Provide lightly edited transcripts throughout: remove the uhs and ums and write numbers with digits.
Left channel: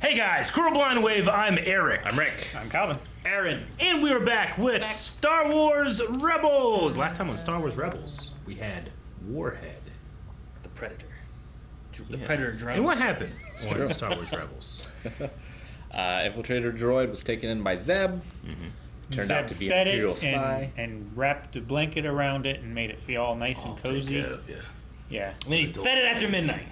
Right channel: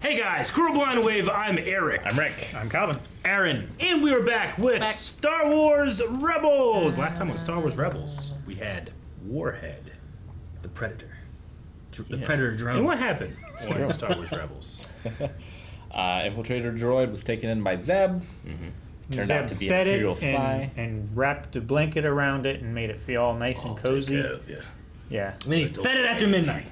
Hey guys, Cruel Blind Wave, I'm Eric. I'm Rick. I'm Calvin. Aaron. And we are back with Star Wars Rebels. Last time on Star Wars Rebels, we had Warhead, The Predator. The Yeah. Predator drone. And what happened on Star Wars Rebels? Infiltrator droid was taken in by Zeb. Turned Zeb out to be fed an Imperial it spy. and wrapped a blanket around it and made it feel all nice and cozy. Yeah, And then he fed it after midnight.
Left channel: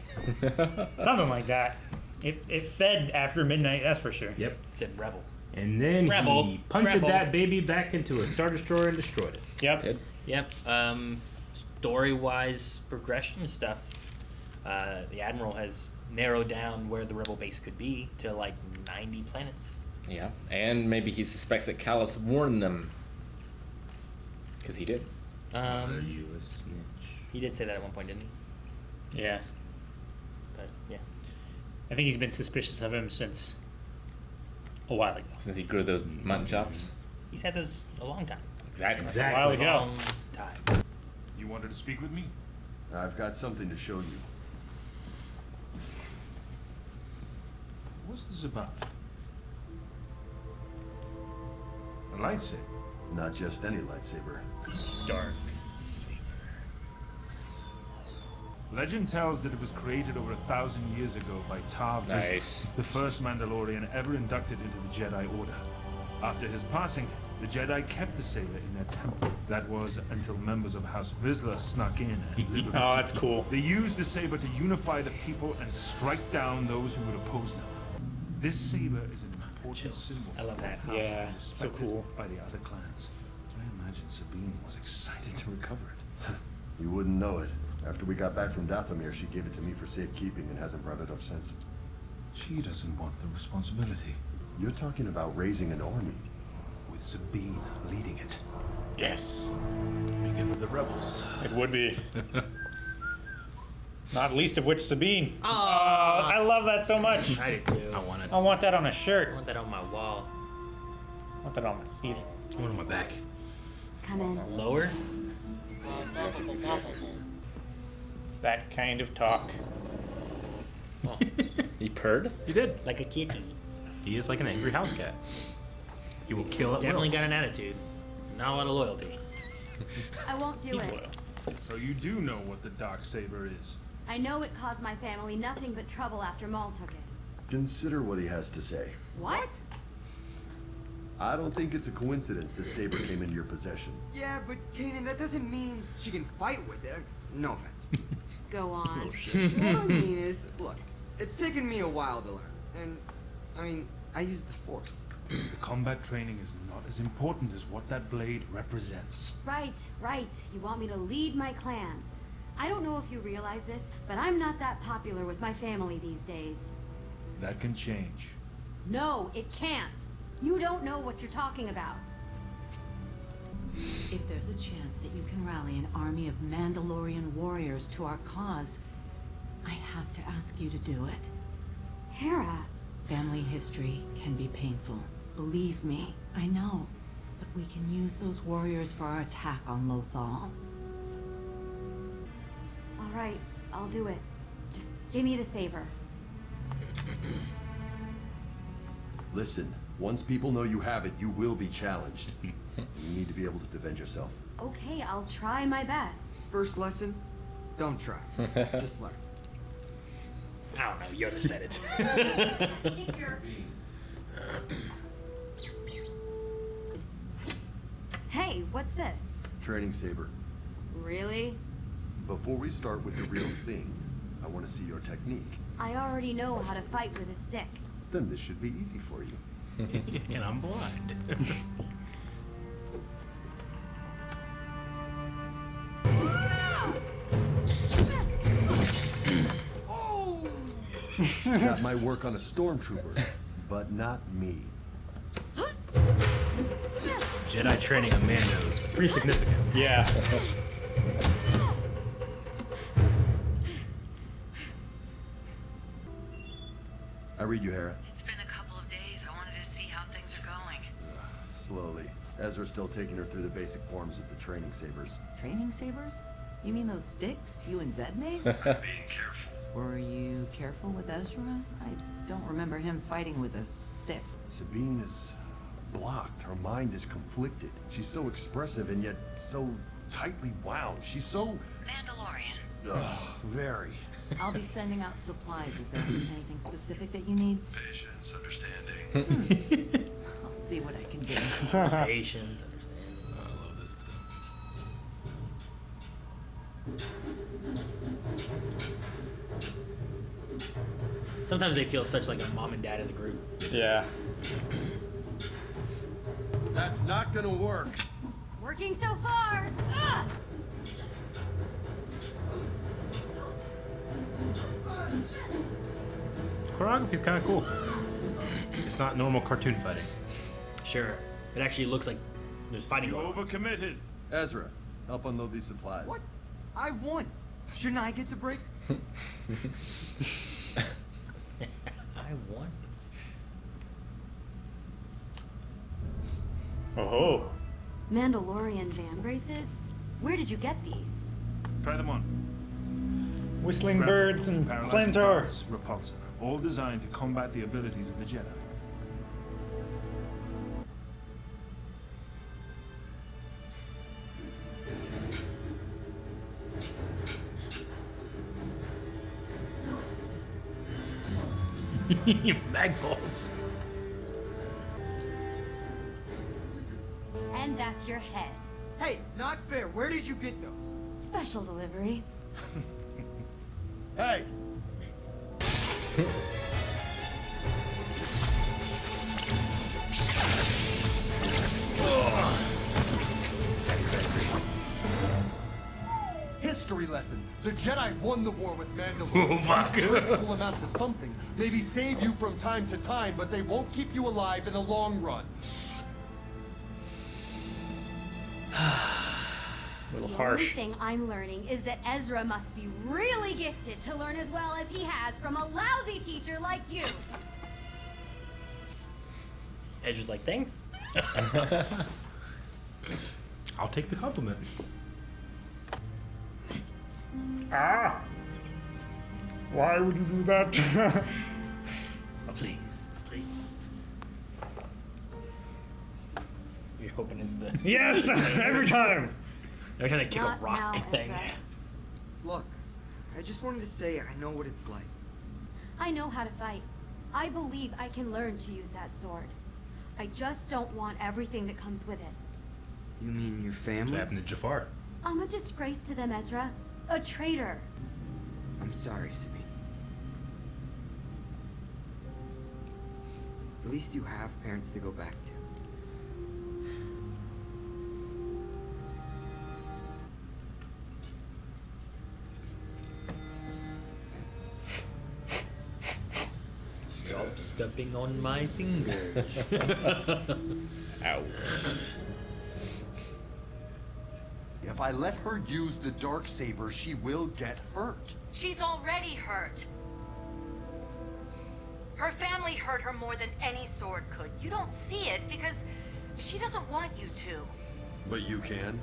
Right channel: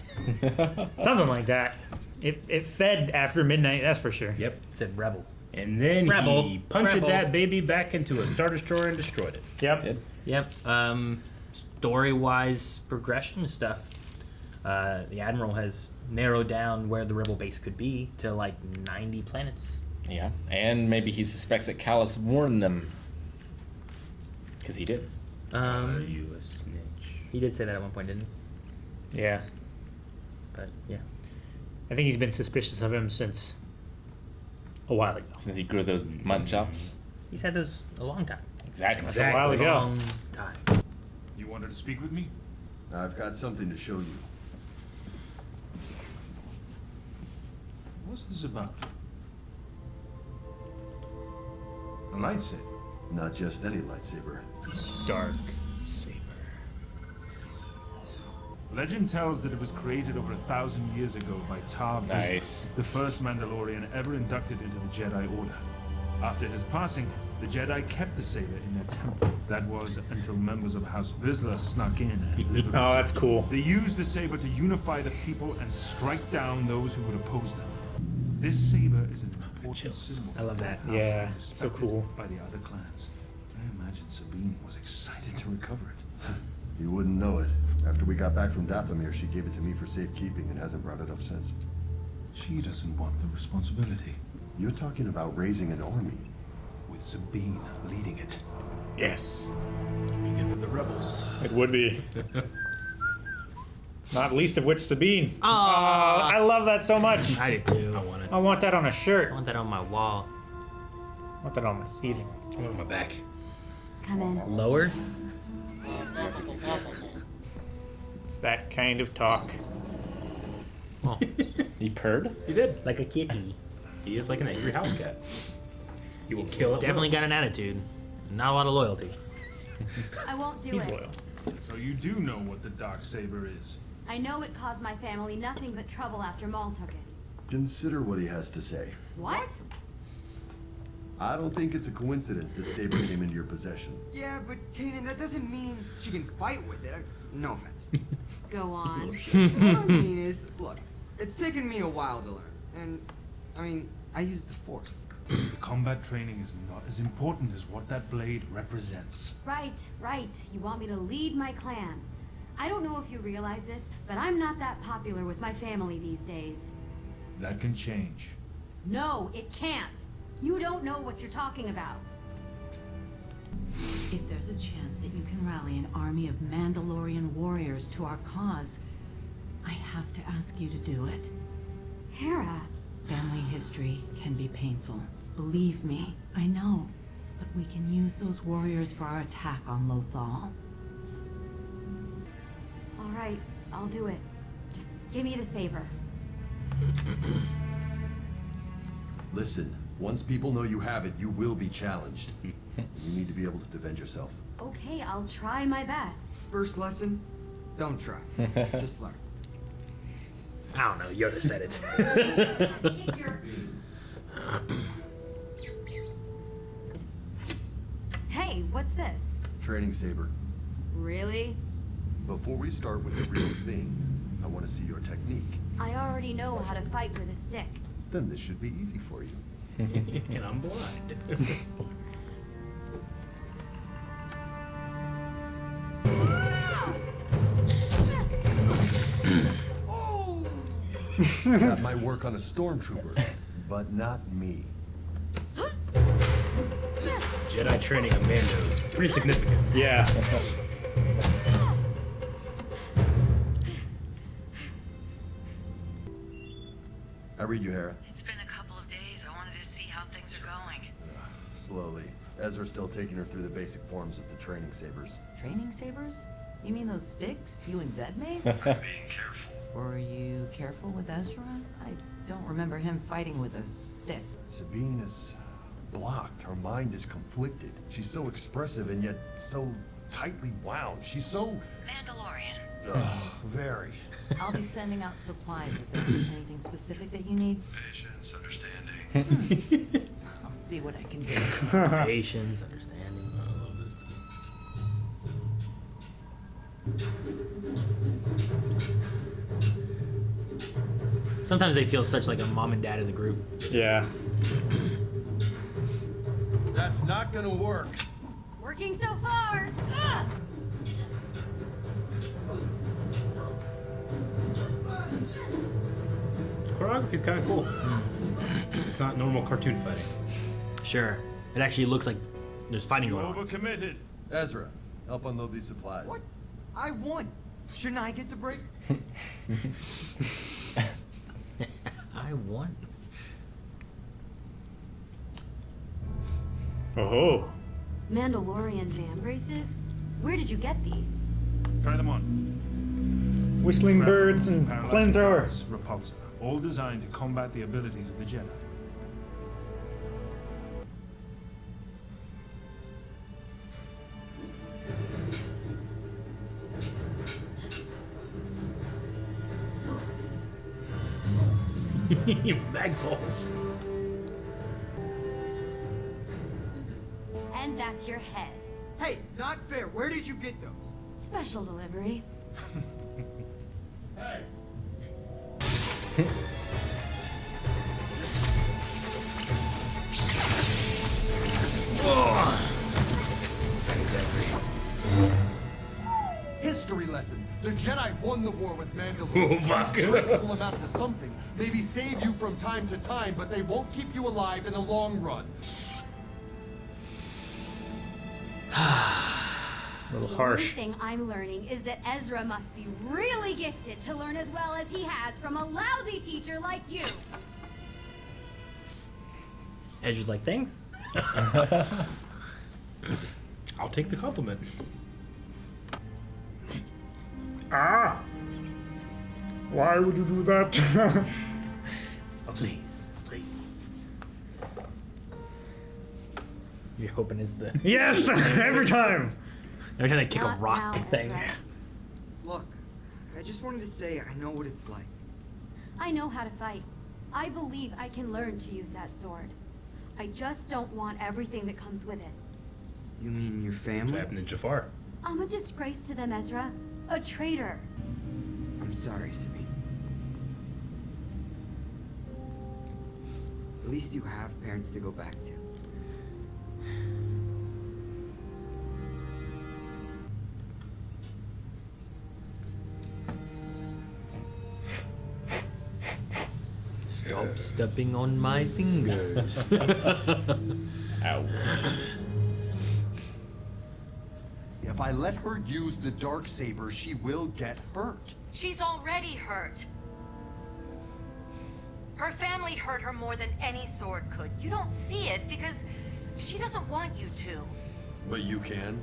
something like that. It fed after midnight, that's for sure. Yep. It said rebel. And then Rebel. he punted Rebel. that baby back into a Star Destroyer and destroyed it. Yep. Yep. Story-wise progression stuff. The Admiral has narrowed down where the rebel base could be to like 90 planets. Yeah, and maybe he suspects that Callus warned them. Because he did. Are you a snitch? He did say that at one point, didn't he? Yeah. But yeah. I think he's been suspicious of him since a while ago. Since he grew those mutton chops. He's had those a long time. Exactly. A while ago. Long time. You wanted to speak with me? I've got something to show you. What's this about? A lightsaber? Not just any lightsaber. Darksaber. Legend tells that it was created over 1,000 years ago by Tar Vizsla, Nice. the first Mandalorian ever inducted into the Jedi Order. After his passing, the Jedi kept the saber in their temple. That was until members of House Vizsla snuck in and liberated Oh, that's it. cool. They used the saber to unify the people and strike down those who would oppose them. This saber is an important symbol I love for the that. house Yeah, and so respected cool. by the other clans. I imagine Sabine was excited to recover it. You wouldn't know it. After we got back from Dathomir, she gave it to me for safekeeping and hasn't brought it up since. She doesn't want the responsibility. You're talking about raising an army. With Sabine leading it. Yes. Be good for the Rebels. It would be. Not least of which Sabine. Aww. I love that so much. I do too. I want it. I want that on a shirt. I want that on my wall. I want that on my seating. I want it on my back. Come in. Lower? It's that kind of talk. Oh, He purred? He did. like a kitty. He is like an angry house cat. He will kill at Definitely will. got an attitude. Not a lot of loyalty. I won't do He's it. loyal. So you do know what the Darksaber is? I know it caused my family nothing but trouble after Maul took it. Consider what he has to say. What? I don't think it's a coincidence this saber came into your possession. Yeah, but Kanan, that doesn't mean she can fight with it. No offense. Go on. What I mean is, look, it's taken me a while to learn. And, I mean, I use the Force. The combat training is not as important as what that blade represents. Right. You want me to lead my clan. I don't know if you realize this, but I'm not that popular with my family these days. That can change. No, it can't. You don't know what you're talking about. If there's a chance that you can rally an army of Mandalorian warriors to our cause, I have to ask you to do it. Hera. Family history can be painful. Believe me, I know. But we can use those warriors for our attack on Lothal. All right, I'll do it. Just give me the saber. Listen, once people know you have it, you will be challenged. You need to be able to defend yourself. Okay, I'll try my best. First lesson, don't try. Just learn. I don't know. Yoda said it. Hey, what's this? Training saber. Really? Before we start with the real thing, I want to see your technique. I already know how to fight with a stick. Then this should be easy for you. And I'm blind. That might work on a stormtrooper, but not me. Jedi training on Mando is pretty significant. Yeah. I read you, Hera. It's been a couple of days. I wanted to see how things are going. Slowly. Ezra's still taking her through the basic forms of the training sabers. Training sabers? You mean those sticks you and Zed made? I'm being careful. Were you careful with Ezra? I don't remember him fighting with a stick. Sabine is blocked. Her mind is conflicted. She's so expressive and yet so tightly wound. She's so... Mandalorian. Ugh, very. I'll be sending out supplies. Is there anything specific that you need? Patience, understanding. I'll see what I can do. Patience, understanding. I love this too. Sometimes they feel such like a mom and dad of the group. Yeah. That's not gonna work. Working so far. Ah! Choreography's kind of cool. It's not normal cartoon fighting. Sure. It actually looks like there's fighting You going on. overcommitted. Ezra, help unload these supplies. What? I won. Shouldn't I get the break? I won. Oh. Mandalorian van braces? Where did you get these? Try them on. Whistling Grapple, birds and paralyzing flamethrower. darts, repulsor, all designed to combat the abilities of the Jedi. Magballs. And that's your head. Hey, not fair. Where did you get those? Special delivery. Hey! History lesson. The Jedi won the war with Mandalorian. Oh, fuck. These tricks will amount to something. Maybe save you from time to time, but they won't keep you alive in the long run. A little The harsh. only thing I'm learning is that Ezra must be really gifted to learn as well as he has from a lousy teacher like you. Ezra's like, thanks. I'll take the compliment. Ah! Why would you do that? Oh, please, please. You're hoping it's the... Yes! Every time! They're trying to kick Not a rock now, thing. Ezra. Look, I just wanted to say I know what it's like. I know how to fight. I believe I can learn to use that sword. I just don't want everything that comes with it. You mean your What family? happened to Jafar? I'm a disgrace to them, Ezra. A traitor. I'm sorry, Sabine. At least you have parents to go back to. Stop stepping on my fingers. Ow. If I let her use the Darksaber, she will get hurt. She's already hurt. Her family hurt her more than any sword could. You don't see it because she doesn't want you to. But you can?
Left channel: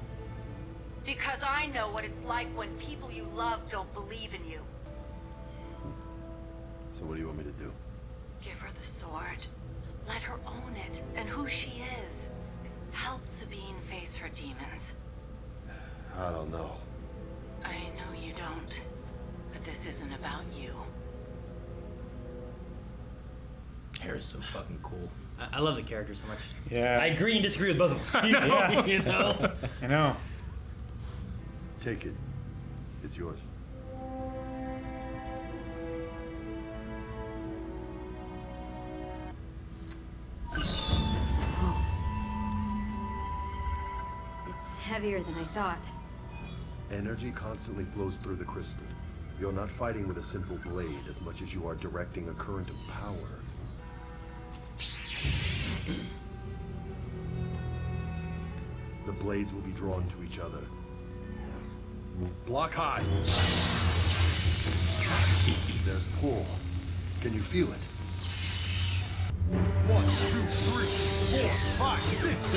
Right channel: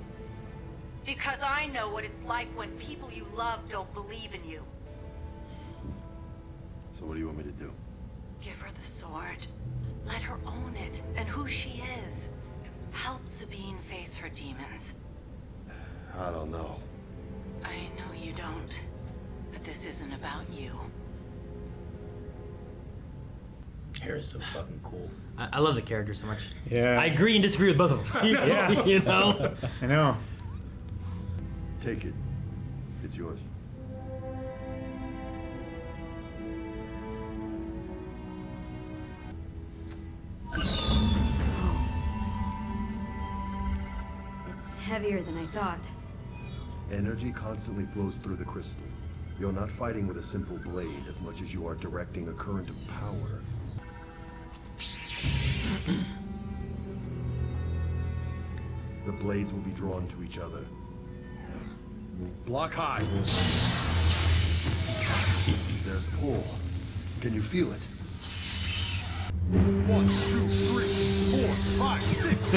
Because I know what it's like when people you love don't believe in you. So what do you want me to do? Give her the sword. Let her own it and who she is. Help Sabine face her demons. I don't know. I know you don't. But this isn't about you. Hair is so fucking cool. I love the character so much. Yeah. I agree and disagree with both of them. Yeah. You know? I know. Take it. It's yours. It's heavier than I thought. Energy constantly flows through the crystal. You're not fighting with a simple blade as much as you are directing a current of power. The blades will be drawn to each other. Block high. There's pull. Can you feel it? 1, 2, 3, 4, 5, 6.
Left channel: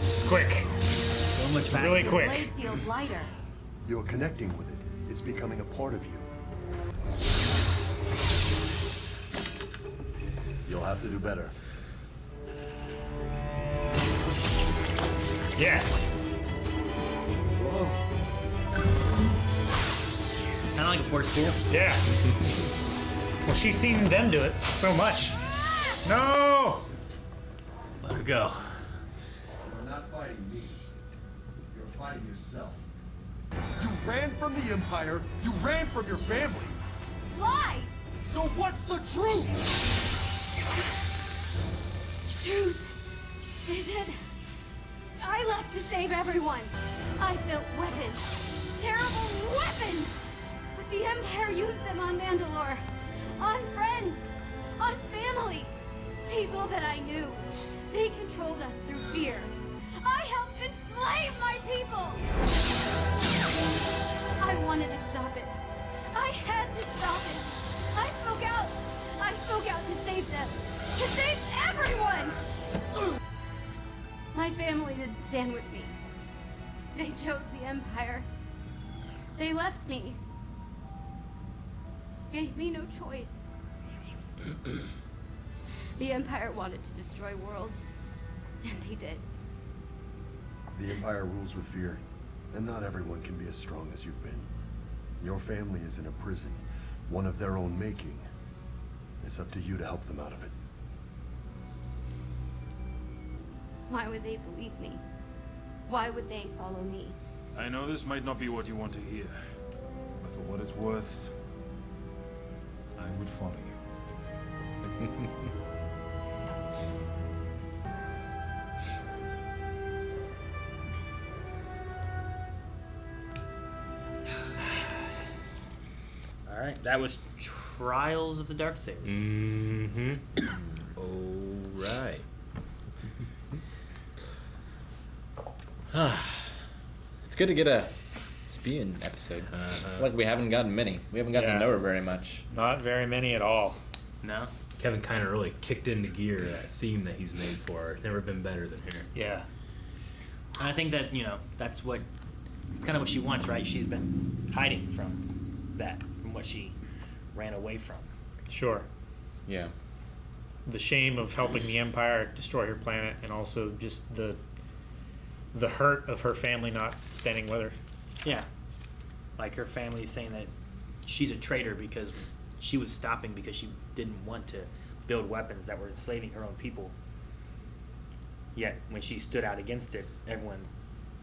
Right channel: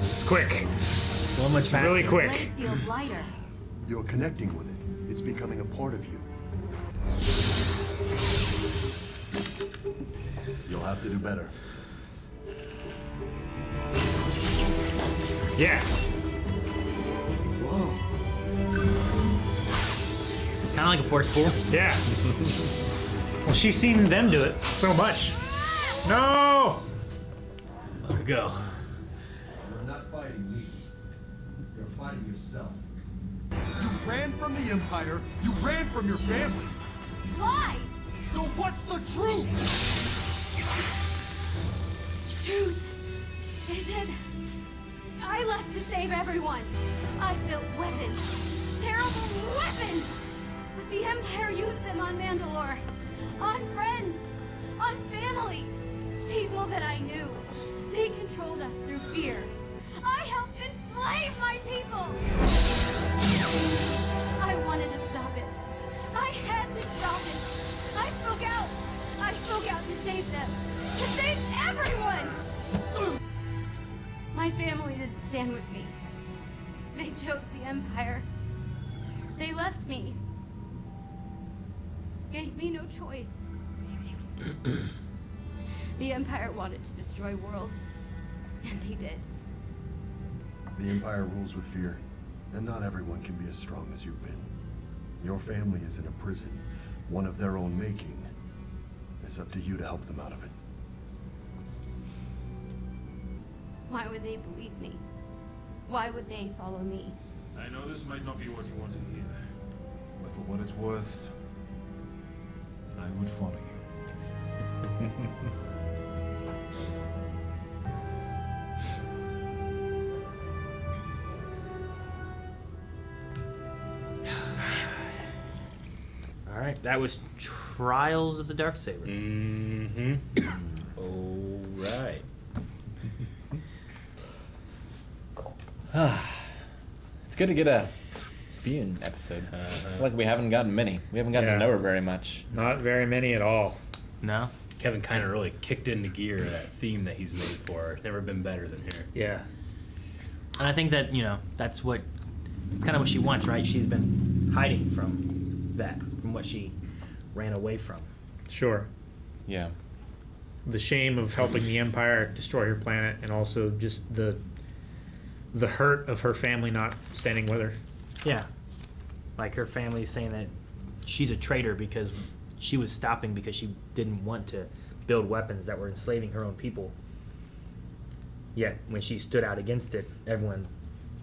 It's quick. So much faster. Really The quick. blade feels lighter. You're connecting with it. It's becoming a part of you. You'll have to do better. Yes. Whoa. Kind of like a force pool. Yeah. Well, she's seen them do it so much. No. Let her go. You're not fighting me. You're fighting yourself. You ran from the Empire. You ran from your family. Lies! So what's the truth? Truth is that I left to save everyone. I built weapons. Terrible weapons! But the Empire used them on Mandalore. On friends. On family. People that I knew. They controlled us through fear. I helped enslave my people! I wanted to stop it. I had to stop it. I spoke out. I spoke out to save them. To save everyone! My family didn't stand with me. They chose the Empire. They left me. Gave me no choice. The Empire wanted to destroy worlds, and they did. The Empire rules with fear, and not everyone can be as strong as you've been. Your family is in a prison, one of their own making. It's up to you to help them out of it. Why would they believe me? Why would they follow me? I know this might not be what you want to hear, but for what it's worth, I would follow you. All right, that was Trials of the Darksaber. Mm-hmm. All right. It's good to get a Sabine episode. I feel like we haven't gotten many. We haven't gotten Yeah. to know her very much. Not very many at all. No? Kevin kind of really kicked into gear that theme that he's made for her. It's never been better than here. Yeah. And I think that, you know, that's kind of what she wants, right? She's been hiding from that, from what she ran away from. Sure. Yeah. The shame of helping the Empire destroy her planet, and also just the hurt of her family not standing with her. Yeah. Like her family saying that she's a traitor because she was stopping because she didn't want to build weapons that were enslaving her own people. Yet when she stood out against it, everyone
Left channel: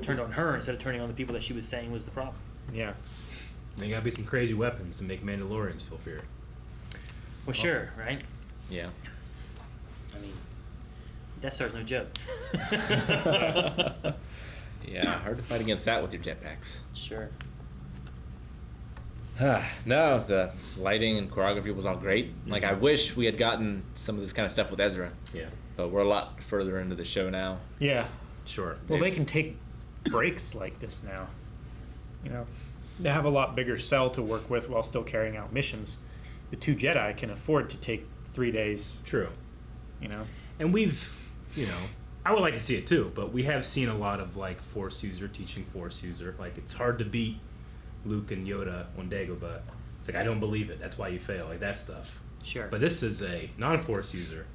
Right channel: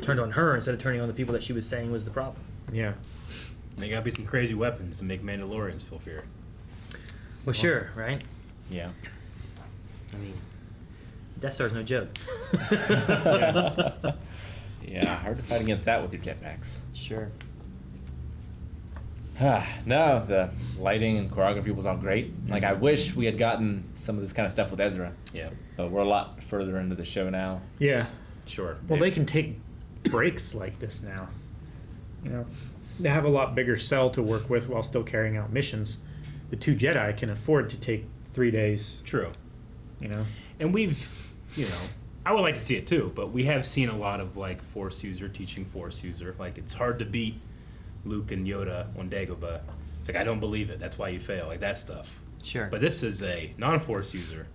turned on her instead of turning on the people that she was saying was the problem. Yeah. There gotta be some crazy weapons to make Mandalorians feel fear. Well, sure, right? Yeah. I mean, Death Star's no joke. Yeah, hard to fight against that with your jetpacks. Sure. No, the lighting and choreography was all great. Like, I wish we had gotten some of this kind of stuff with Ezra. Yeah, But we're a lot further into the show now. Yeah. sure. Well, they can take breaks like this now. You know, they have a lot bigger cell to work with while still carrying out missions. The two Jedi can afford to take 3 days. True. You know. And we've, I would like to see it too, but we have seen a lot of like Force user teaching Force user. Like, it's hard to beat Luke and Yoda on Dagobah. It's like, I don't believe it. That's why you fail. Like, that stuff. Sure. But this is a non-Force user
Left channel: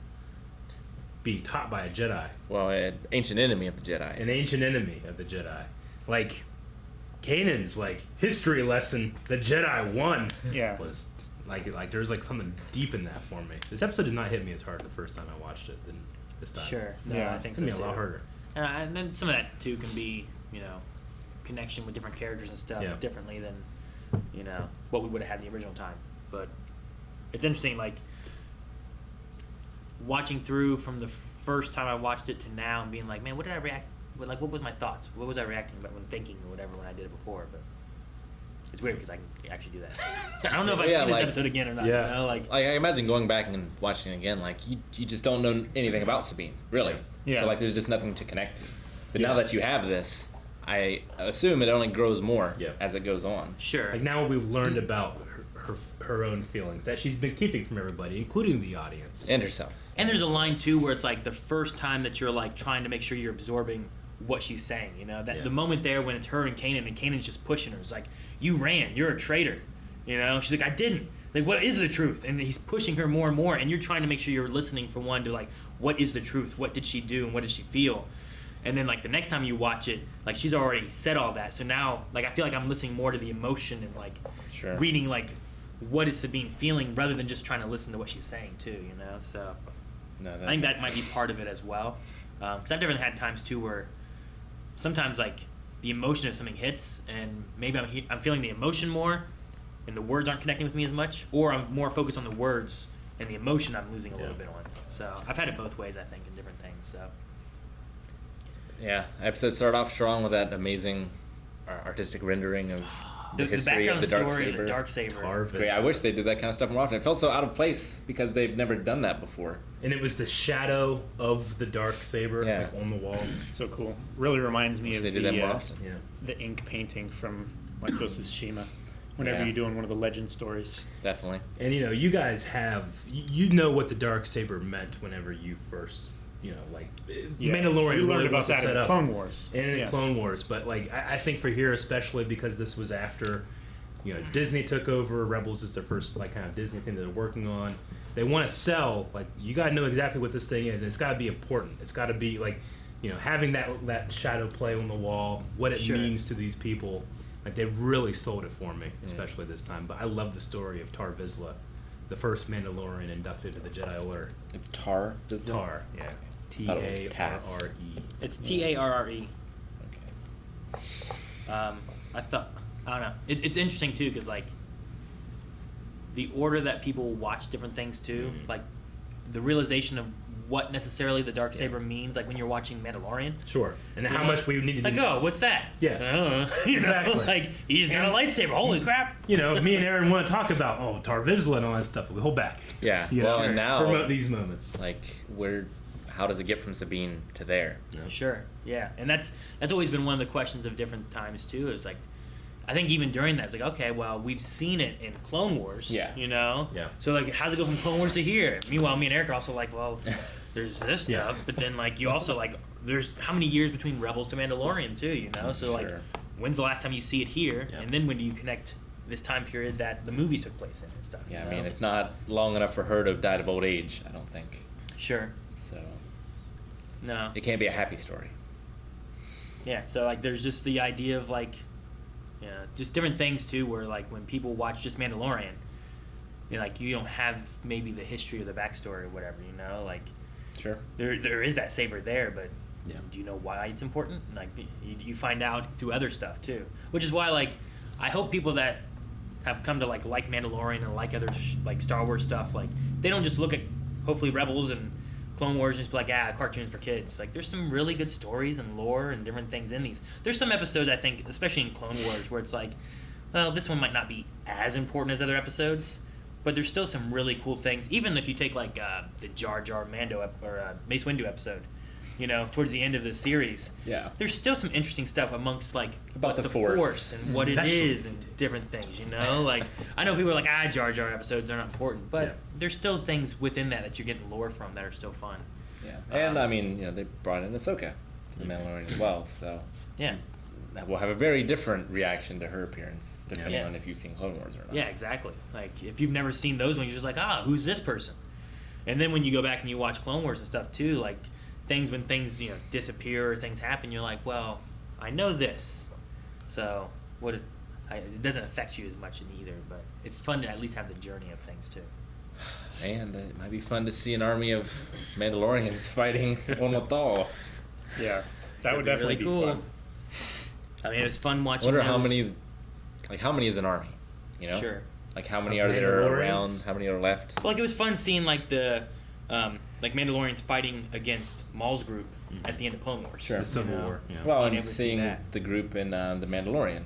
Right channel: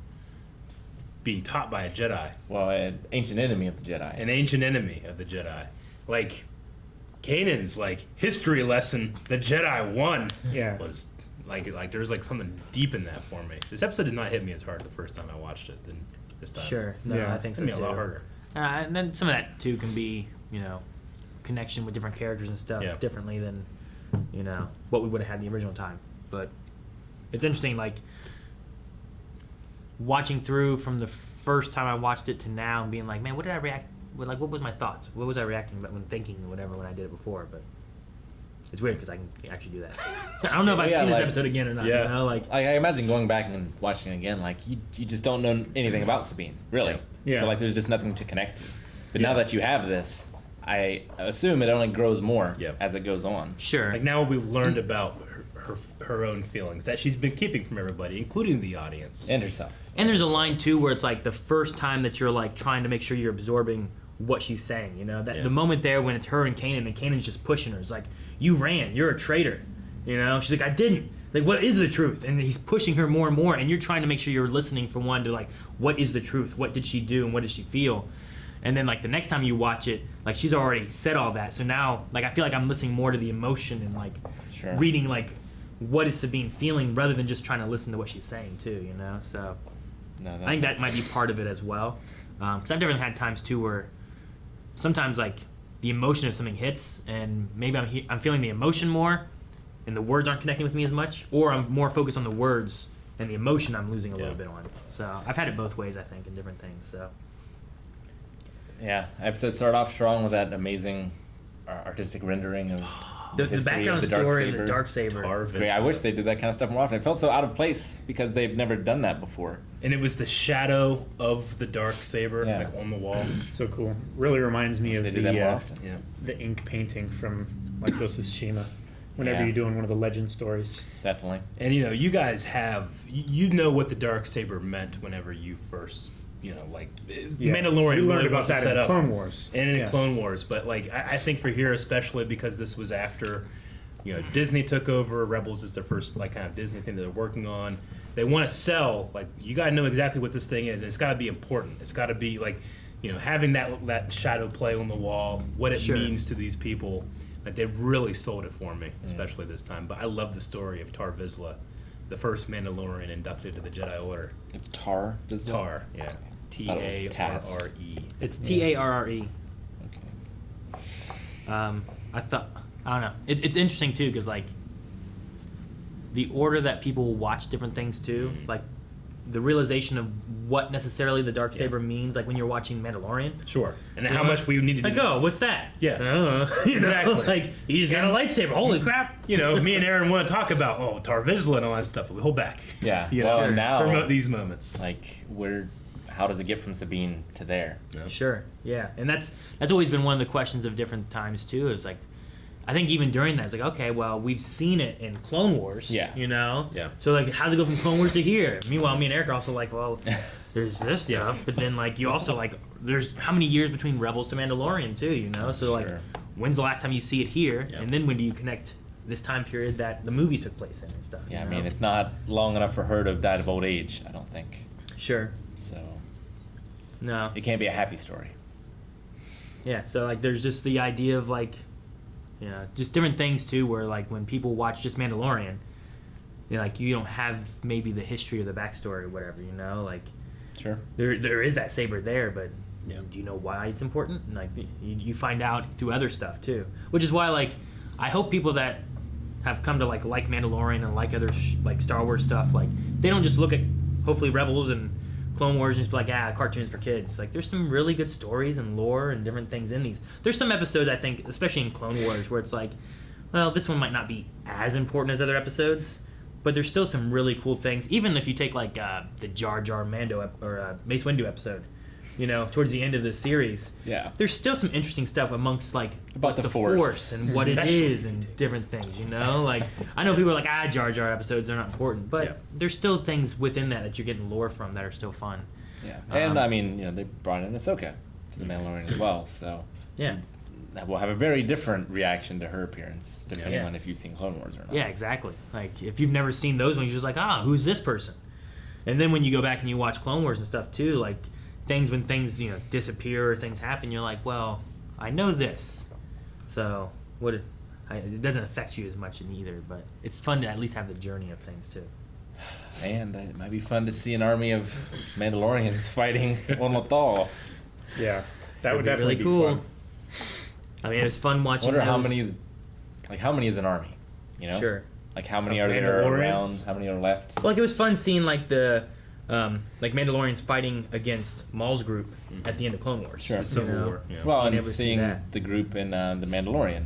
being taught by a Jedi, Well, an ancient enemy of the Jedi. an ancient enemy of the Jedi. Like, Kanan's like history lesson the Jedi won Yeah. was like there's like something deep in that for me. This episode did not hit me as hard the first time I watched it than this time. Sure. No, Yeah. I think It's so gonna be too. a lot harder. And then some of that too can be, connection with different characters and stuff Yeah. differently than, what we would have had in the original time. But it's interesting, like watching through from the first time I watched it to now and being like, man, what did I react? What was my thoughts? What was I reacting about when thinking or whatever when I did it before? But it's weird because I can actually do that. I don't know if I've Yeah, seen this like- episode again or not. Yeah. Like, I imagine going back and watching it again, like, you just don't know anything about Sabine, really. Yeah. So, like, there's just nothing to connect to. But now that you have this, I assume it only grows more Yeah. as it goes on. Sure. Like, now we've learned about her own feelings that she's been keeping from everybody, including the audience. And herself. And there's a line too where it's like the first time that you're like trying to make sure you're absorbing what she's saying, that Yeah. the moment there when it's her and Kanan's just pushing her, it's like, you ran, you're a traitor, she's like, I didn't, Like, what is the truth? And he's pushing her more and more, and you're trying to make sure you're listening for one to, like, what is the truth? What did she do, and what did she feel? And then, like, the next time you watch it, like, she's already said all that. So now, like, I feel like I'm listening more to the emotion and, like, reading, like, what is Sabine feeling rather than just trying to listen to what she's saying, too, you know? So I think that might be part of it as well. Because I've definitely had times, too, where sometimes, like, the emotion of something hits, and maybe I'm feeling the emotion more, and the words aren't connecting with me as much, or I'm more focused on the words and the emotion I'm losing a little bit on. So I've had it both ways, I think, in different things. So yeah, episode started off strong with that amazing artistic rendering of the history background of the story of the Darksaber. Darksaber. It's great. I wish they did that kind of stuff more often. It felt so out of place because they've never done that before. And it was the shadow of the Darksaber, Yeah. like on the wall. So cool. Really reminds me Wish of they did that more often. Yeah. the ink painting from like Ghost of Tsushima. Whenever Yeah. you're doing one of the legend stories. Definitely. And you know, you guys have you know what the Darksaber meant whenever you first, you know, like it was Mandalorian. We learned really about was to that set in up, Clone Wars. and in Yeah. Clone Wars. But like I think for here especially because this was after, you know, Disney took over. Rebels is their first like kind of Disney thing that they're working on. They want to sell like you got to know exactly what this thing is, and it's got to be important. It's got to be like, you know, having that shadow play on the wall, what it means to these people. Like they really sold it for me, especially this time. But I love the story of Tar Vizsla, the first Mandalorian inducted into the Jedi Order. It's Tar Vizsla? Tar, yeah. Thought it was Taz. T-A-R-R-E. It's Tarre. Okay. I don't know. It's interesting too because like the order that people watch different things too, like the realization of what necessarily the Darksaber means, like when you're watching Mandalorian. Sure. And how much we need to like, oh, what's that? Yeah. I don't know. You know, Exactly. like he just got a lightsaber. Holy crap! You know, me and Aaron want to talk about Tar Vizsla and all that stuff, but we hold back. Yeah. You know, Well, and now, for these moments. like, how does it get from Sabine to there? Sure. Yeah, and that's always been one of the questions of different times too. Is like, I think even during that, it's like, okay, well, we've seen it in Clone Wars. Yeah. You know. Yeah. So like, how's it go from Clone Wars to here? Meanwhile, me and Eric are also like, well, there's this stuff, but then like you also like, there's how many years between Rebels to Mandalorian too? You know. So like, Sure. when's the last time you see it here? Yeah. And then when do you connect this time period that the movie took place in and stuff? Yeah, you I know? mean, it's not long enough for her to have died of old age, I don't think. Sure. So No. it can't be a happy story. Yeah, so like there's just the idea of like, you know, just different things too, where like when people watch just Mandalorian, you know, like you don't have maybe the history or the backstory or whatever, you know, like Sure. there is that saber there, but Yeah. do you know why it's important? And like you find out through other stuff too, which is why like I hope people that have come to like Mandalorian and like other like Star Wars stuff, like they don't just look at hopefully Rebels and Clone Wars and just be like, cartoons for kids. Like, there's some really good stories and lore and different things in these. There's some episodes, I think, especially in Clone Wars, where it's like, well, this one might not be as important as other episodes, but there's still some really cool things. Even if you take, like, the Jar Jar Mando or Mace Windu episode, you know, towards the end of the series. Yeah. There's still some interesting stuff amongst, like, About what the Force. and what it Especially. is and different things, you know? Like, I know people are like, Jar Jar episodes are not important, but Yeah. there's still things within that you're getting lore from that are still fun. Yeah. And I mean, you know, they brought in Ahsoka to the Mandalorian as well, so Yeah. that will have a very different reaction to her appearance depending Yeah. on if you've seen Clone Wars or not. Yeah, exactly. Like, if you've never seen those ones, you're just like, who's this person? And then when you go back and you watch Clone Wars and stuff too, like, when things, you know, disappear or things happen, you're like, well, I know this. So, it doesn't affect you as much in either, but it's fun to at least have the journey of things too. And it might be fun to see an army of Mandalorians fighting on Lothal. Yeah, that would That'd definitely be be really fun. I mean, it was fun I watching wonder how those- many is an army, you know? Sure. Like how many are there Mandalorians? around, how many are left? Like, it was fun seeing, like, the Mandalorians fighting against Maul's group at the end of Clone Wars. Sure. The Civil You know? War. Yeah. Well, I and never see seeing that. the group in The Mandalorian.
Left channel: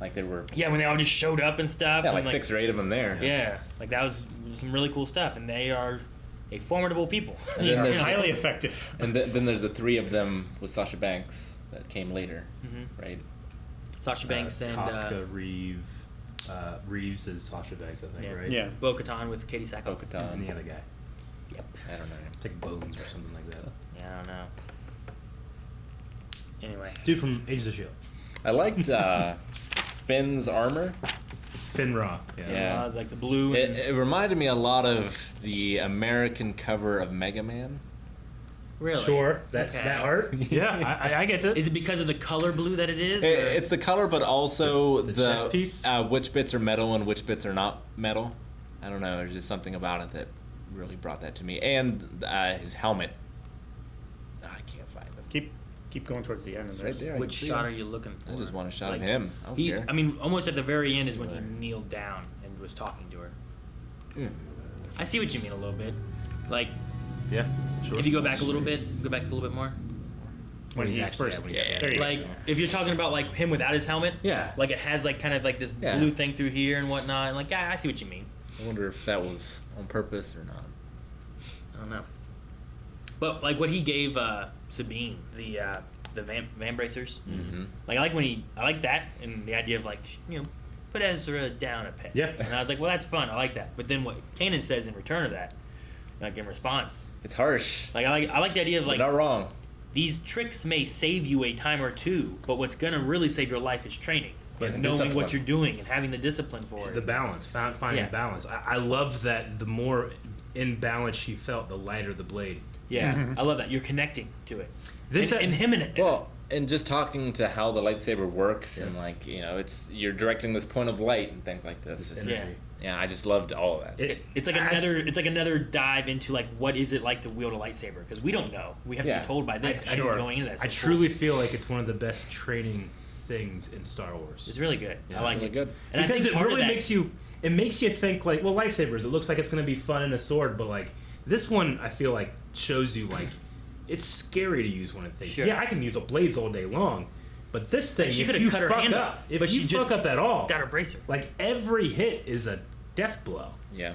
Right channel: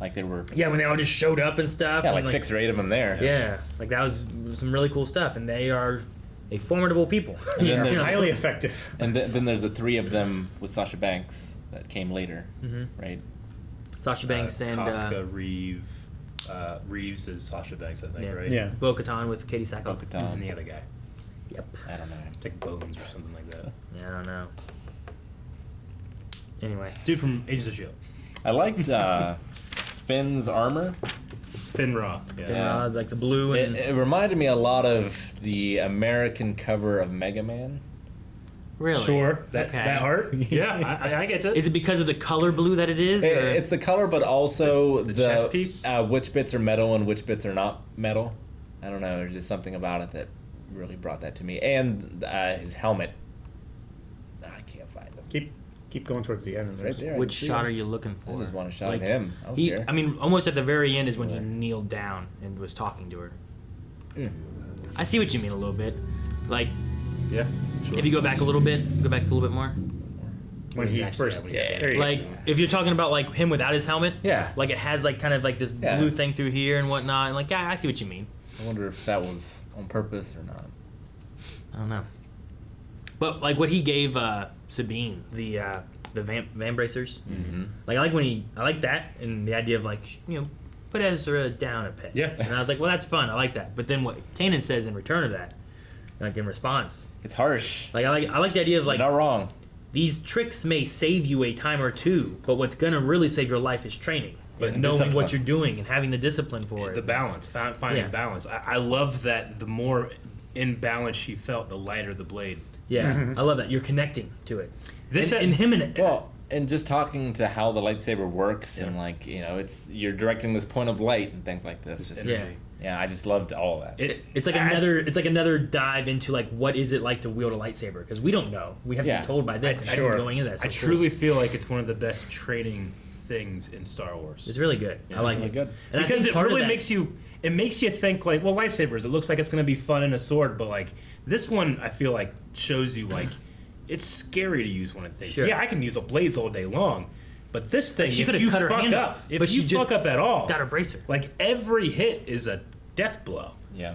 Like there were Yeah, when they all just showed up and stuff. like and, 6 or 8 of them there. Yeah, like that was some really cool stuff, and they are a formidable people. And You then know? there's- Highly effective. And then there's the 3 of them with Sasha Banks that came later, right? Sasha Banks and Casca, Reeves is Sasha Banks, I think, Yeah. right? Yeah. Bo-Katan with Katie Sackhoff. And Bo-Katan. the other guy. Yep. I don't know. It's like Bones or something like that. Yeah, I don't know. Anyway, Dude from Agents of S.H.I.E.L.D. I liked Finn's armor. Finra. Yeah. Like the blue. And, It reminded me a lot of the American cover of Mega Man. really? Sure. That art. Yeah, I get it. Is it because of the color blue that it is? or- It's the color, but also The chest piece? which bits are metal and which bits are not metal. I don't know. There's just something about it that really brought that to me. And his helmet. I can't find it. Keep going towards the end. It's right there. I Which can see shot it. are you looking for? I just want a shot Like, of him. I don't care. I mean, almost at the very end is when he kneeled down and was talking to her. Mm. I see what you mean a little bit. Like, Yeah. Sure. if you go back a little bit more. when he Exactly, first. yeah, when he's There you go. Like, if you're talking about like him without his helmet, Yeah. like it has like kind of like this Yeah. blue thing through here and whatnot. And like, yeah, I see what you mean. I wonder if that was on purpose or not. I don't know. But like what he gave Sabine, the van bracers. Mm-hmm. Like I like that and the idea of like put Ezra down a peg. Yeah. And I was like, well, that's fun. I like that. But then what Kanan says in return of that, like in response, It's harsh. like I like the idea of like You're not wrong. these tricks may save you a time or two, but what's gonna really save your life is training. But And knowing discipline. what you're doing and having the discipline for it. The balance, finding Yeah. balance. I love that the more in balance she felt, the lighter the blade. Yeah, I love that. You're connecting to it. This and him and Well, and just talking to how the lightsaber works and like it's you're directing this point of light and things like this. This Just- energy. yeah, I just loved all of that. it's like another dive into like what is it like to wield a lightsaber, because we don't know. We have to Yeah. be told by this. I Sure. going into that. I So truly feel like it's one of the best training things in Star Wars. it's really good. Yeah, I like really it. good. And I Because think it part really of that, makes you think like, well, lightsabers. It looks like it's going to be fun and a sword, but like this one, I feel like shows you like it's scary to use one of things. Sure. Yeah, I can use a blaze all day long, but this thing, She if could've you cut her fuck hand up, off, if but you she just fuck up at all, got her bracer. like every hit is a death blow. Yeah.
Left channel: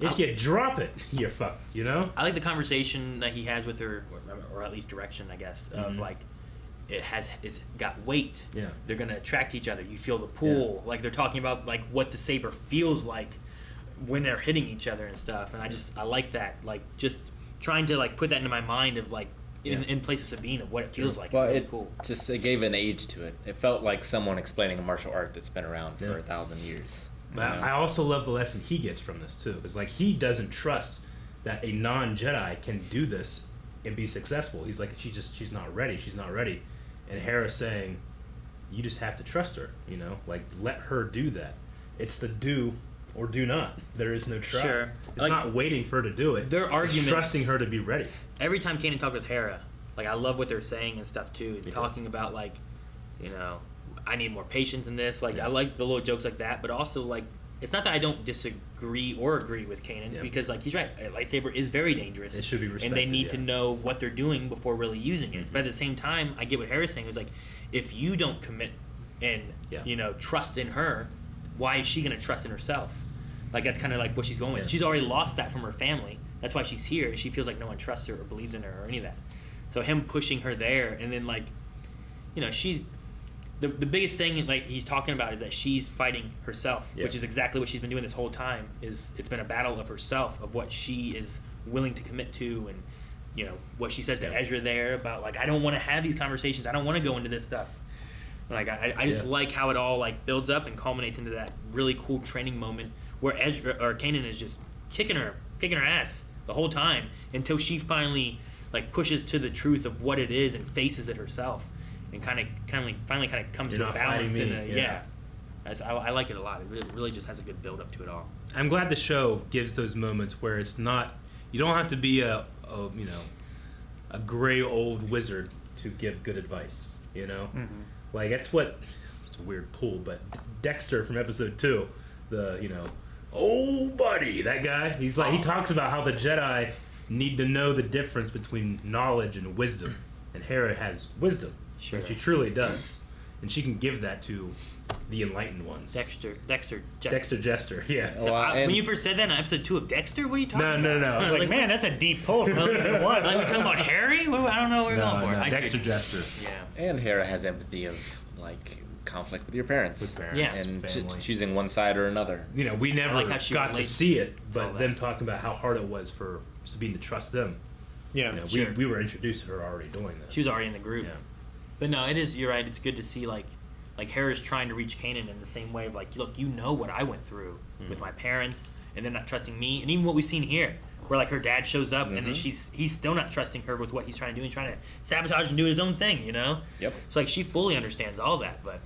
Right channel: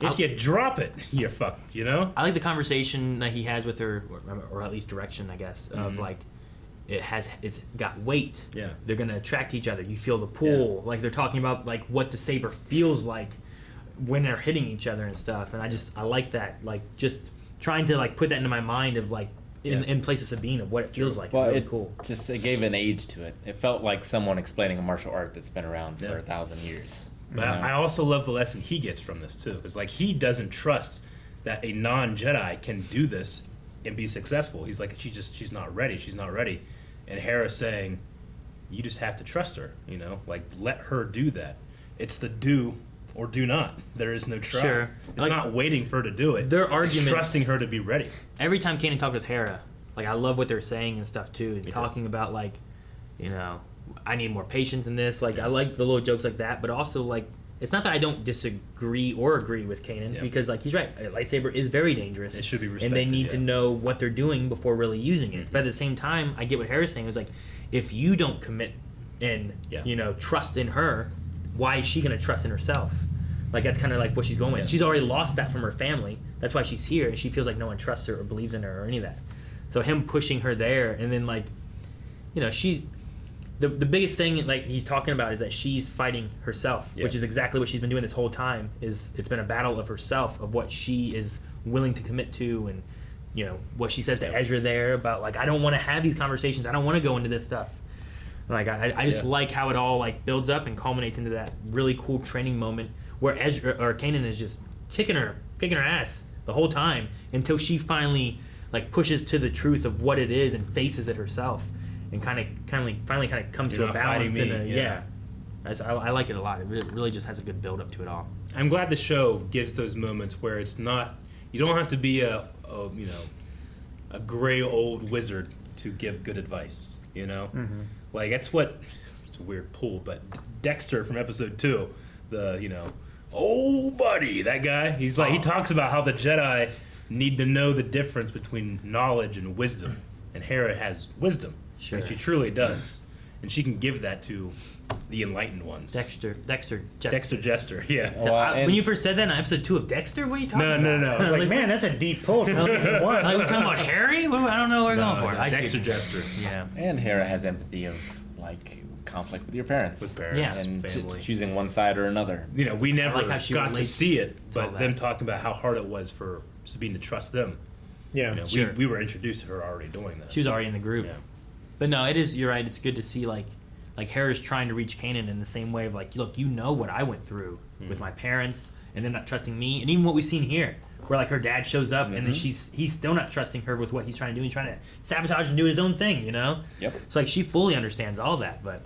If you drop it, you're fucked. You know. I like the conversation that he has with her, or at least direction, I guess, of Mhm. like it's got weight. Yeah. They're gonna attract each other. You feel the pull. Like they're talking about like what the saber feels like when they're hitting each other and stuff. And I like that. Like just trying to like put that into my mind of like in place of Sabine of what it feels like. Well, really it cool. just it gave an age to it. It felt like someone explaining a martial art that's been around for Yeah. 1,000 years. But I also love the lesson he gets from this too, because like he doesn't trust that a non-Jedi can do this and be successful. He's like, she's not ready. She's not ready. And Hera's saying, you just have to trust her. You know, like let her do that. It's the do or do not. There is no try. Sure. It's Like, not waiting for her to do it. their It's arguments- trusting her to be ready. Every time Kanan talked with Hera, like I love what they're saying and stuff too. too. Talking about like, I need more patience in this. Like I like the little jokes like that, but also like it's not that I don't disagree or agree with Kanan, because like he's right. A lightsaber is very dangerous. It should be and they respected, need to yeah. know what they're doing before really using it. But at the same time, I get what Hera's saying. It's like if you don't commit and trust in her, why is she gonna trust in herself? Like that's kind of like what she's going with. Yeah. She's already lost that from her family. That's why she's here, and she feels like no one trusts her or believes in her or any of that. So him pushing her there, and then like, she, the biggest thing like he's talking about is that she's fighting herself, which is exactly what she's been doing this whole time. It's been a battle of herself, of what she is willing to commit to, and what she says to Ezra there about like I don't want to have these conversations. I don't want to go into this stuff. Like I just like how it all like builds up and culminates into that really cool training moment where Ezra or Kanan is just kicking her ass the whole time until she finally like pushes to the truth of what it is and faces it herself and finally comes You're to a not balance. fighting me, I like it a lot. It really just has a good build up to it all. I'm glad the show gives those moments where it's not. You don't have to be a gray old wizard to give good advice. Like that's what. It's a weird pull, but Dexter from episode 2, oh buddy, that guy. He's like he talks about how the Jedi need to know the difference between knowledge and wisdom, and Hera has wisdom, and she truly does, and she can give that to the enlightened ones. Dexter Jester, yeah. When you first said that in episode 2 of Dexter, what are you talking about? No. I was like, man, that's a deep pull from season 1. Like we're talking about Harry? I don't know what we're going for. I see Dexter what you- Jester. Yeah. And Hera has empathy of like conflict with your parents. With parents, Yeah. and family. choosing one side or another. We never like how she got to relates see it, to all but that. them talking about how hard it was for Sabine to trust them. Yeah. Sure. We were introduced to her already doing that. She was already in the group. Yeah. But no, it is. You're right. It's good to see like like Hera's trying to reach Kanan in the same way of like, look, you know what I went through with my parents, and they're not trusting me, and even what we've seen here, where like her dad shows up and then he's still not trusting her with what he's trying to do. He's trying to sabotage and do his own thing, you know. Yep. So like she fully understands all that, but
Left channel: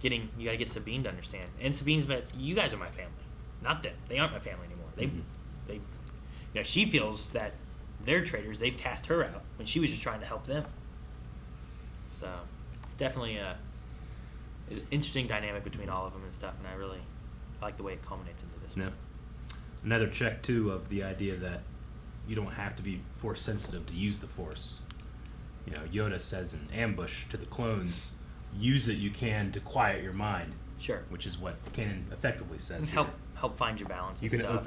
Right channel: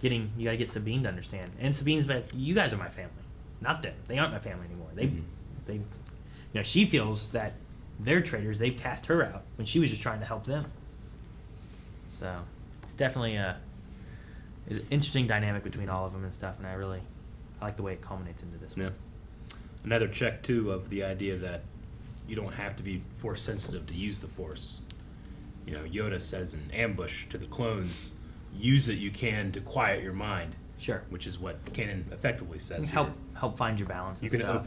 you got to get Sabine to understand. And Sabine's like, you guys are my family, not them. They aren't my family anymore. They, you know, she feels that they're traitors. They've cast her out when she was just trying to help them. So it's definitely it's an interesting dynamic between all of them and stuff, and I like the way it culminates into this one. Another check too of the idea that you don't have to be force sensitive to use the force. You know, Yoda says in Ambush to the clones, use it you can to quiet your mind. Sure. Which is what Kanan effectively says. Help find your balance. You and can stuff.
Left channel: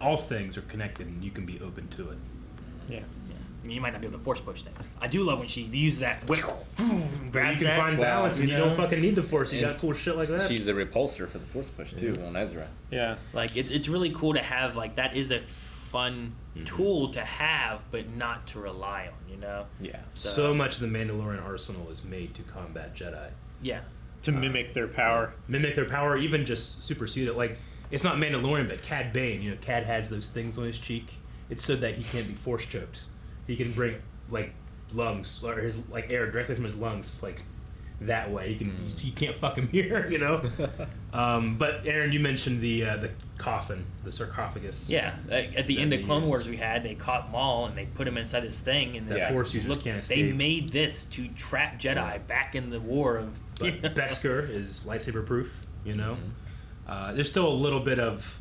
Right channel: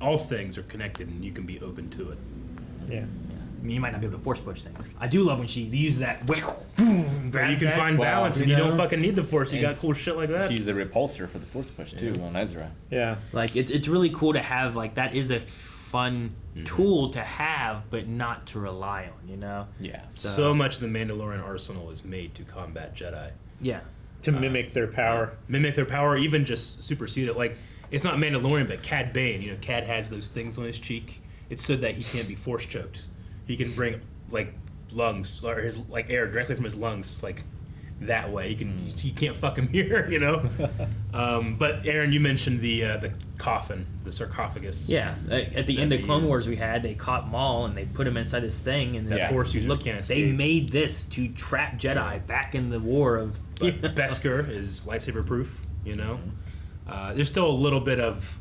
all things are connected, and you can be open to it. Yeah. I mean, you might not be able to force push things. I do love when she uses that whip. But you can find balance, and you don't fucking need the force. You got cool shit like that. She's the repulsor for the force push too on Ezra. Yeah. Like it's really cool to have, like, that is a fun tool to have, but not to rely on. You know. Yeah. So much of the Mandalorian arsenal is made to combat Jedi. Yeah. To mimic their power. Even just supersede it. Like, it's not Mandalorian, but Cad Bane. You know, Cad has those things on his cheek. It's so that he can't be force choked. He can bring like lungs or his like air directly from his lungs, like that way. He can't fuck him here, you know. But Aaron, you mentioned the coffin, the sarcophagus. Yeah, at the end of Clone Wars, they caught Maul and they put him inside this thing, and the Force users can't escape. They made this to trap Jedi back in the war of. But Beskar is lightsaber proof, you know. There's still a little bit of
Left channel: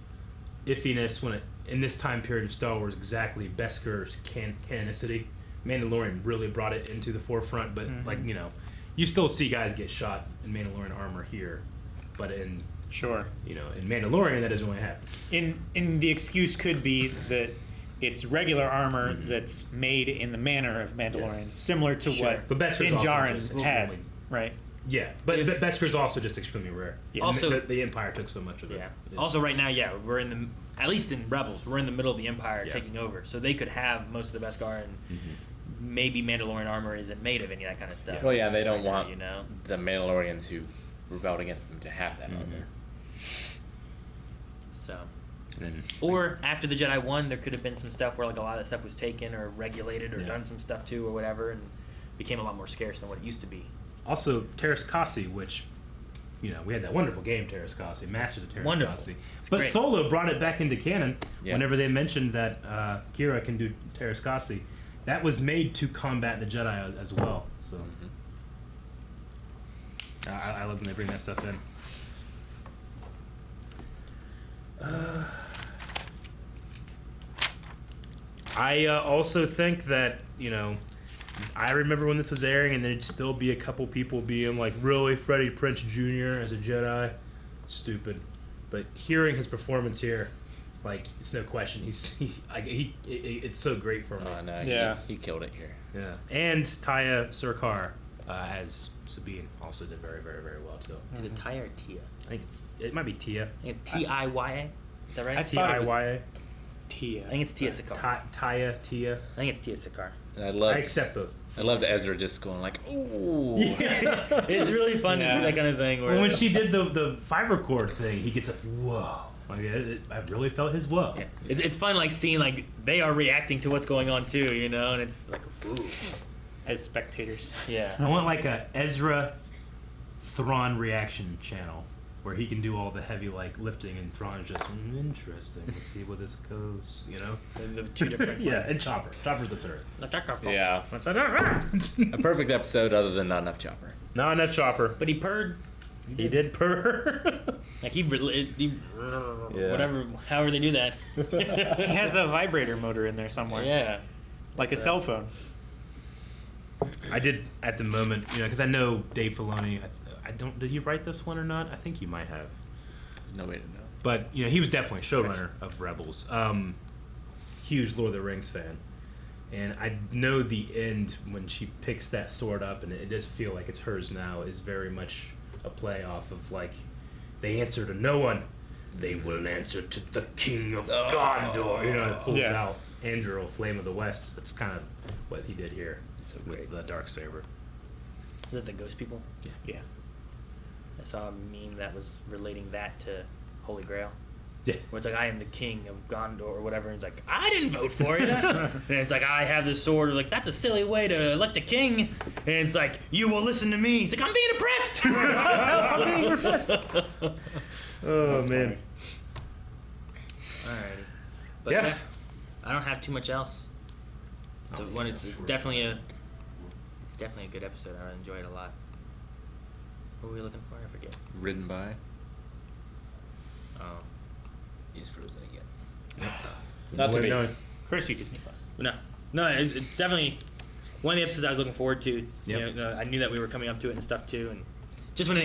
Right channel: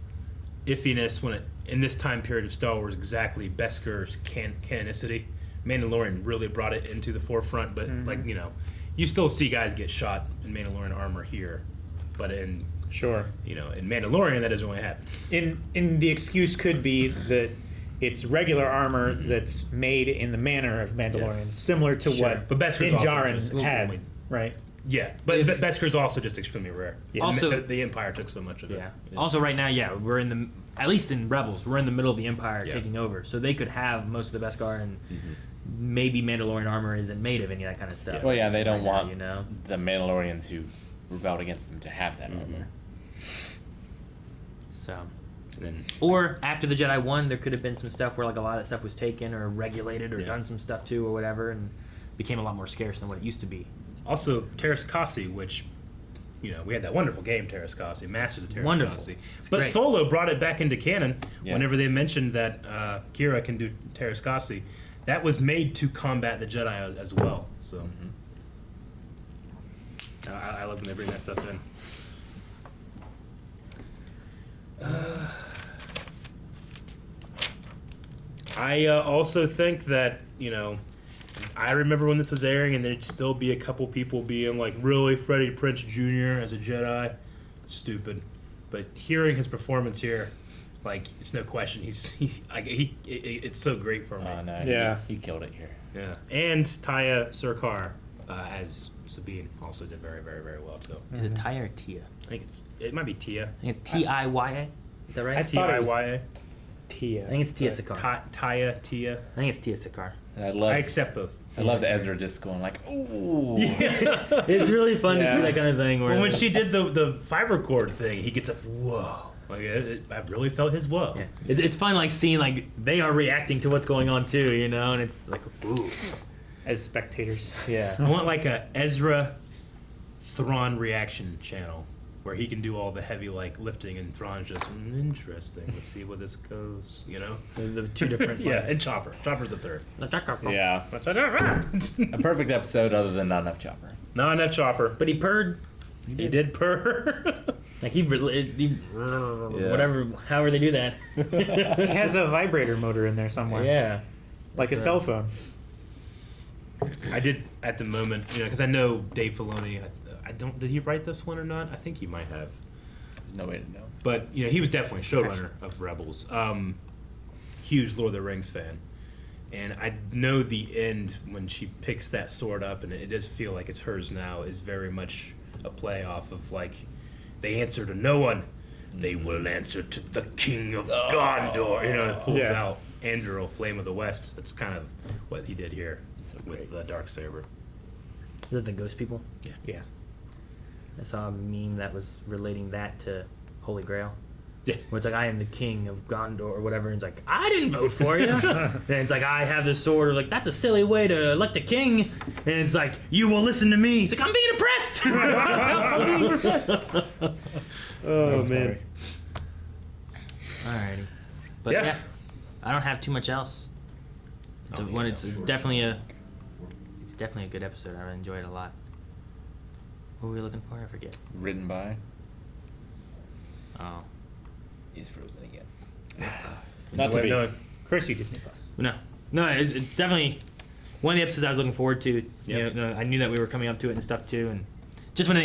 iffiness in this time period of Star Wars, exactly Beskar's canonicity. Mandalorian really brought it into the forefront, but like, you know, you still see guys get shot in Mandalorian armor here, but in Mandalorian that doesn't really happen. In the excuse could be that it's regular armor that's made in the manner of Mandalorians, similar to what but Beskar's Din also Djarin just had, right? Yeah, but Beskar's also just extremely rare. Yeah. Also, the Empire took so much of it. Yeah. Also, right now, we're at least in Rebels, we're in the middle of the Empire taking over, so they could have most of the Beskar, and maybe Mandalorian armor isn't made of any of that kind of stuff. Well, yeah, they don't right want now, you know? the Mandalorians who rebelled against them to have that on there. So, or after the Jedi won, there could have been some stuff where like a lot of that stuff was taken or regulated or done some stuff too or whatever, and became a lot more scarce than what it used to be. Also, Terras Kasi, which, you know, we had that wonderful game, Terras Kasi, Masters of Terras Kasi. But great. Solo brought it back into canon whenever they mentioned that Kira can do Terras Kasi. That was made to combat the Jedi as well. So I love when they bring that stuff in. I also think that, you know, I remember when this was airing and there'd still be a couple people being like, really, Freddie Prinze Jr. as a Jedi? Stupid. But hearing his performance here, like, it's no question. It's so great for me. Oh, no, Yeah. he killed it here. Yeah. And Taya Sircar as Sabine also did very, very, very well, too. Is it Taya or Tia? I think it might be Tia. I think it's Tiya. Is that right? I thought it was Tiya. Tia. I think it's Tia Sircar. Tia. I think it's Tia Sircar. And I accept both. I loved Ezra just going like, ooh. It's really fun to see that kind of thing. Where Well, when she did the fiber cord thing, he gets up, whoa. Like, I really felt his whoa. Yeah. It's fun, like, seeing, like, they are reacting to what's going on, too, you know? And it's like, ooh. As spectators. Yeah. I want, like, a Ezra Thrawn reaction channel where he can do all the heavy, like, lifting, and Thrawn's just, interesting. Let's see where this goes, you know? The two different... Yeah, and Chopper. Chopper's the third. Yeah. A perfect episode other than not enough Chopper. Not enough Chopper. But he purred. He did purr. Like, whatever, however they do that. He has a vibrator motor in there somewhere. Yeah. Like a cell phone. I did, at the moment, you know, because I know Dave Filoni, did he write this one or not? I think he might have. There's no way to know. But, you know, he was definitely showrunner of Rebels. Huge Lord of the Rings fan. And I know the end when she picks that sword up, and it does feel like it's hers now, is very much a play off of, like, they answer to no one. They will answer to the King of Gondor. You know, it pulls out Anduril, Flame of the West. That's kind of what he did here with the Darksaber. Is it the ghost people? Yeah. I saw a meme that was relating that to Holy Grail. Yeah. Where it's like, I am the king of Gondor or whatever, and it's like, I didn't vote for you. And it's like, I have this sword. Like, that's a silly way to elect a king. And it's like, you will listen to me. It's like, I'm being oppressed. I'm being oppressed. Oh, That's man. Alrighty. But Yeah. yeah, I don't have too much else. It's definitely a good episode. I enjoyed it a lot. What were we looking for? I forget. Written by. Oh. He's frozen again. Not to be. Of course, you Disney Plus. No, it's definitely one of the episodes I was looking forward to. Yep. You know, I knew that we were coming up to it and stuff too, and just when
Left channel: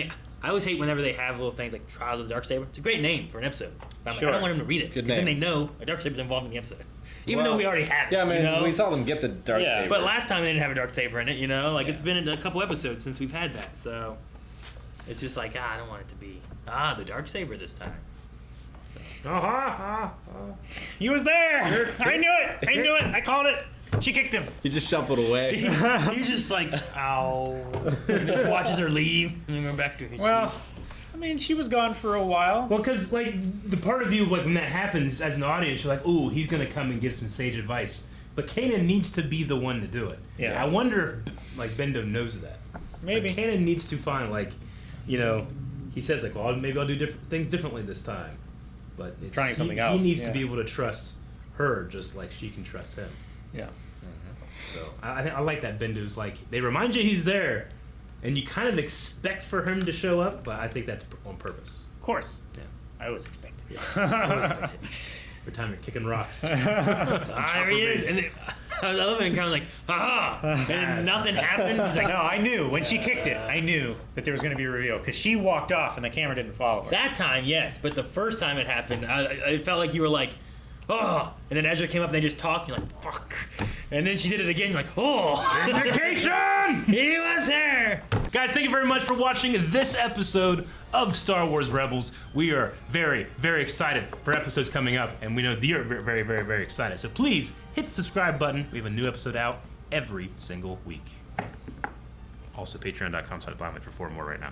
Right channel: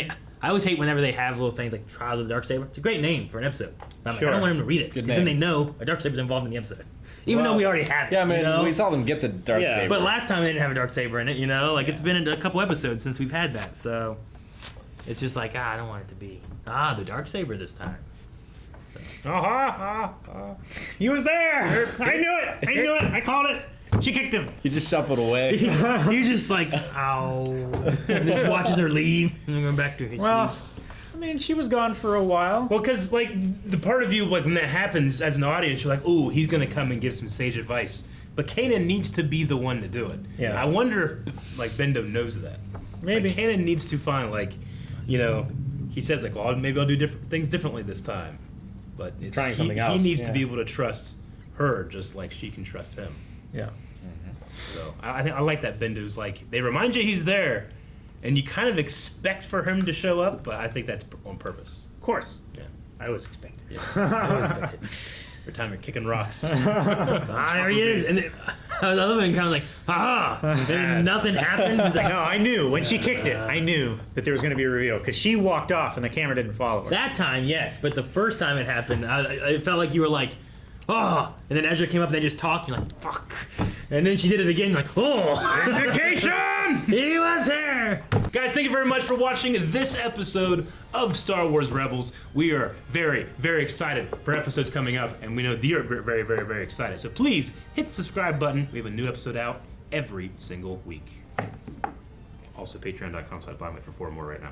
I always hate whenever they have little things like Trials of the Darksaber. It's a great name for an episode. I'm like, Sure. I don't want them to read it Good because then they name. know a Darksaber's involved in the episode, even though we already have it. Yeah, I mean, you know? we saw them get the Darksaber. Yeah. But last time they didn't have a Darksaber in it. You know, like it's been a couple episodes since we've had that, so it's just like I don't want it to be the Darksaber this time. He was there. I knew it. I knew it. I called it. She kicked him. He just shuffled away. He's just like, ow, and just watches her leave and then go back to his Well, seat. I mean, she was gone for a while. Well, because like the part of you, like when that happens as an audience, you're like, "Ooh, he's gonna come and give some sage advice." But Kanan needs to be the one to do it. Yeah. I wonder if like Bendo knows that. Maybe. Like, Kanan needs to find like, you know, he says like, "Well, maybe I'll do different things differently this time." But it's, Trying something else, He needs to yeah. be able to trust her just like she can trust him. Yeah. So I think I like that Bendo's like they remind you he's there, and you kind of expect for him to show up, but I think that's on purpose. Of course. Yeah. I always expected. Yeah. Every time you're kicking rocks. There he is. And I love it. And kind of like, and then nothing happened. He's like, No, I knew when she kicked it. I knew that there was going to be a reveal because she walked off and the camera didn't follow her. that time, yes, but the first time it happened, I felt like you were like, and then Ezra came up and they just talked. You're like, fuck. And then she did it again. You're like, Vacation! he was there. Guys, thank you very much for watching this episode of Star Wars Rebels. We are very, very excited for episodes coming up, and we know that you're very, very, very excited. So please hit the subscribe button. We have a new episode out every single week. Also, patreon.com/buy me for 4 more right now.